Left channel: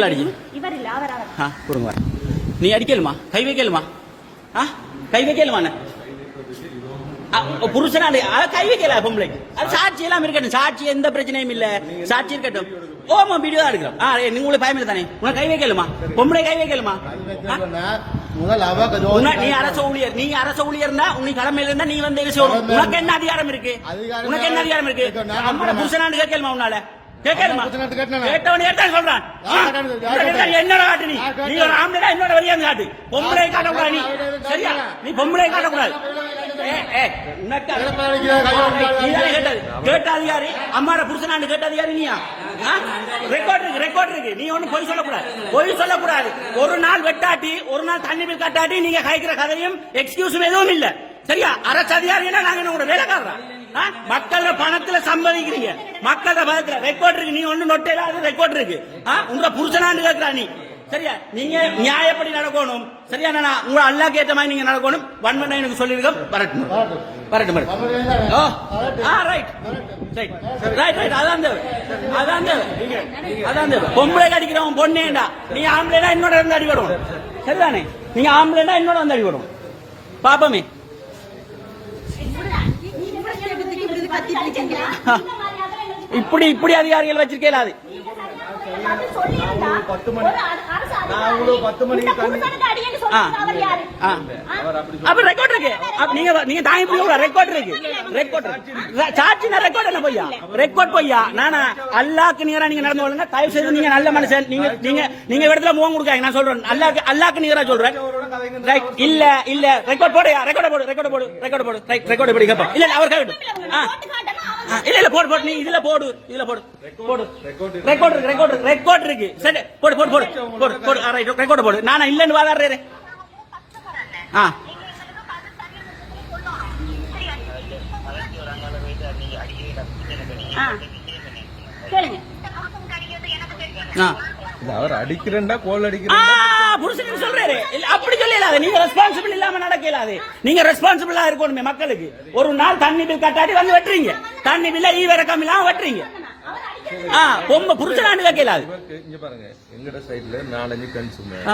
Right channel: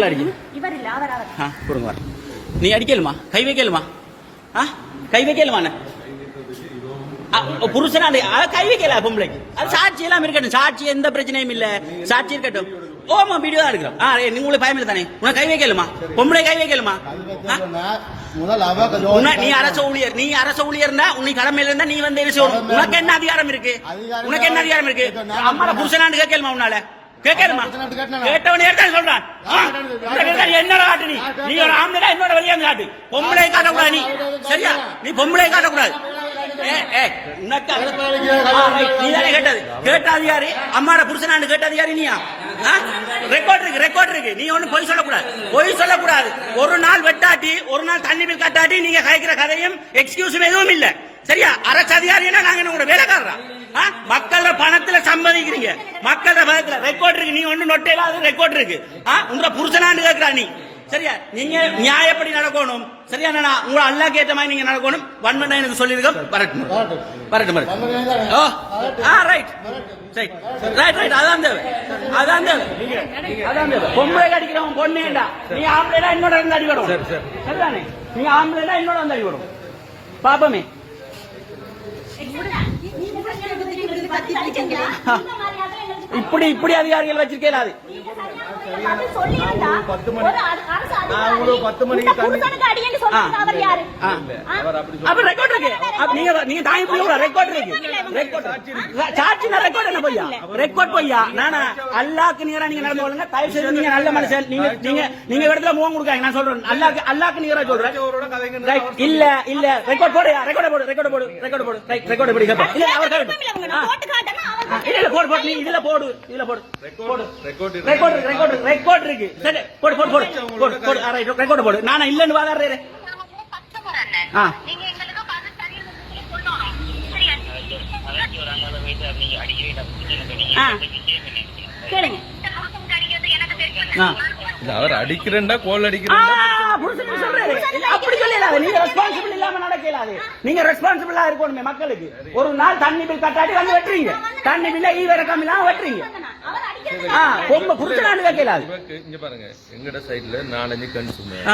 உங்களை அடிக்கணும் கொடுங்க நீ அடிக்கலுமா கை வைக்கலுமா கை வைக்கலுமா புருஷனா கை வைக்கல பொம்பளைக்கு அது சாட்சி எல்லாம் இருக்கட்டும் சாட்சி எந்த பிரச்சனையும் இல்ல சாட்சி இருக்கட்டும் ஓமா வீடியோ தான் இருக்கிறோம் நீங்க உங்களுக்கு பயம் தானே உனக்கு கை வைக்கலுமா பொம்பளை கை வைக்கலுமா நீ அரச ஊழியர்னா உன்னை கடமையில இருந்தா நீ வந்து உனக்கு என்ன அதிகாரம் இருக்கு உனக்கு என்ன அதிகாரம் இருக்கு அம்மா புருஷனான்னு கேட்கலுமா உன்னால கேட்கணுமா கேட்டவனே சொல்றான் என்ன காட்டு நீ ஒரு ஆம்பளை இன்னொரு வழியா காட்டு பொம்பளை காட்டக்கூடாது நீ சரியா நீ பொம்பளை காட்டக்கூடாது கேட்டாது யாரு அம்மாட புருஷனான்னு கேட்டாது யாரு நீயா ரெக்கார்ட் இருக்கு நீ ஒண்ணு பொய் சொல்லக்கூடாது ஒரு நாள் வெட்டாட்டி ஒரு நாள் தண்ணி பில் கட்டாட்டி நீங்க கழிக்கிற கதையும் எக்ஸ்கியூஸும் எதுவும் இல்ல சரியா அரசு அதிகாரினா நாங்க உங்களோட வேலைக்காரரா மக்கள பணத்துல சம்பாதிக்கிறீங்க மக்கள பணத்துல ரெக்கார்ட் இருக்கு நீ ஒண்ணு நொட்டையில அது ரெக்கார்ட் இருக்கு உங்க புருஷனான்னு கேட்கிறா நீ சரியா நீங்க நியாயப்படி நடக்கணும் சரியா உங்க அல்லாஹ் ஏத்த மாதிரி நீங்க நடக்கணும் வன்மனை எனக்கு சொல்லிருக்கோம் வரட்டும் ரைட் அதான் தேவை பொம்பளை அடிக்கிறவன் பொண்ணேண்டா நீ ஆம்பளைனா என்னோட வந்து அடிக்கணும் சரிதானே நீங்க ஆம்பளைனா என்னோட வந்து அடிக்கணும் பாப்பமே இப்படி அதிகாரிகள் வச்சிருக்கேன் 10 மணிக்கு தண்ணி அப்ப ரெக்கார்ட் இருக்கு நீங்க தாய் ரெக்கார்ட் இருக்கு ரெக்கார்ட் பொய்யா அல்லாக்கு நேரா நீங்க நடந்து கொள்ளுங்க தயவு செய்து நீங்க நல்ல மனுஷன் நீங்க இடத்துல முகம் கொடுக்காங்க நான் சொல்றேன் அல்லாக்கு நேரா சொல்றேன் இல்ல ரெக்கார்ட் போடு கேப்பா இல்ல அவர் கைவிட்டு இல்ல போடு நீ இதுல போடு ரெக்கார்ட் இருக்கு சரி போடு ரெக்கார்ட் போடு நான் இல்லன்னு வாங்கறேன் அவர் அடிக்கிறா கோல் அடிக்கிறா சொல்றாரு அப்படி சொல்லலாது நீங்க ரெஸ்பான்சிபிள் இல்லாம நடக்கலாது நீங்க ரெஸ்பான்சிபிளா இருக்கணுமே மக்களுக்கு ஒரு நாள் தண்ணி பில் கட்டாடி வந்து வெட்டுறீங்க தண்ணி பில்ல ஈவிரக்கம் இல்லாம வெட்டுறீங்க பொம்பை புரிச்சலான்னு வைக்கலாது இங்க பாருங்க எங்கட சைடுல 4-5 கண்டு சொன்னேன்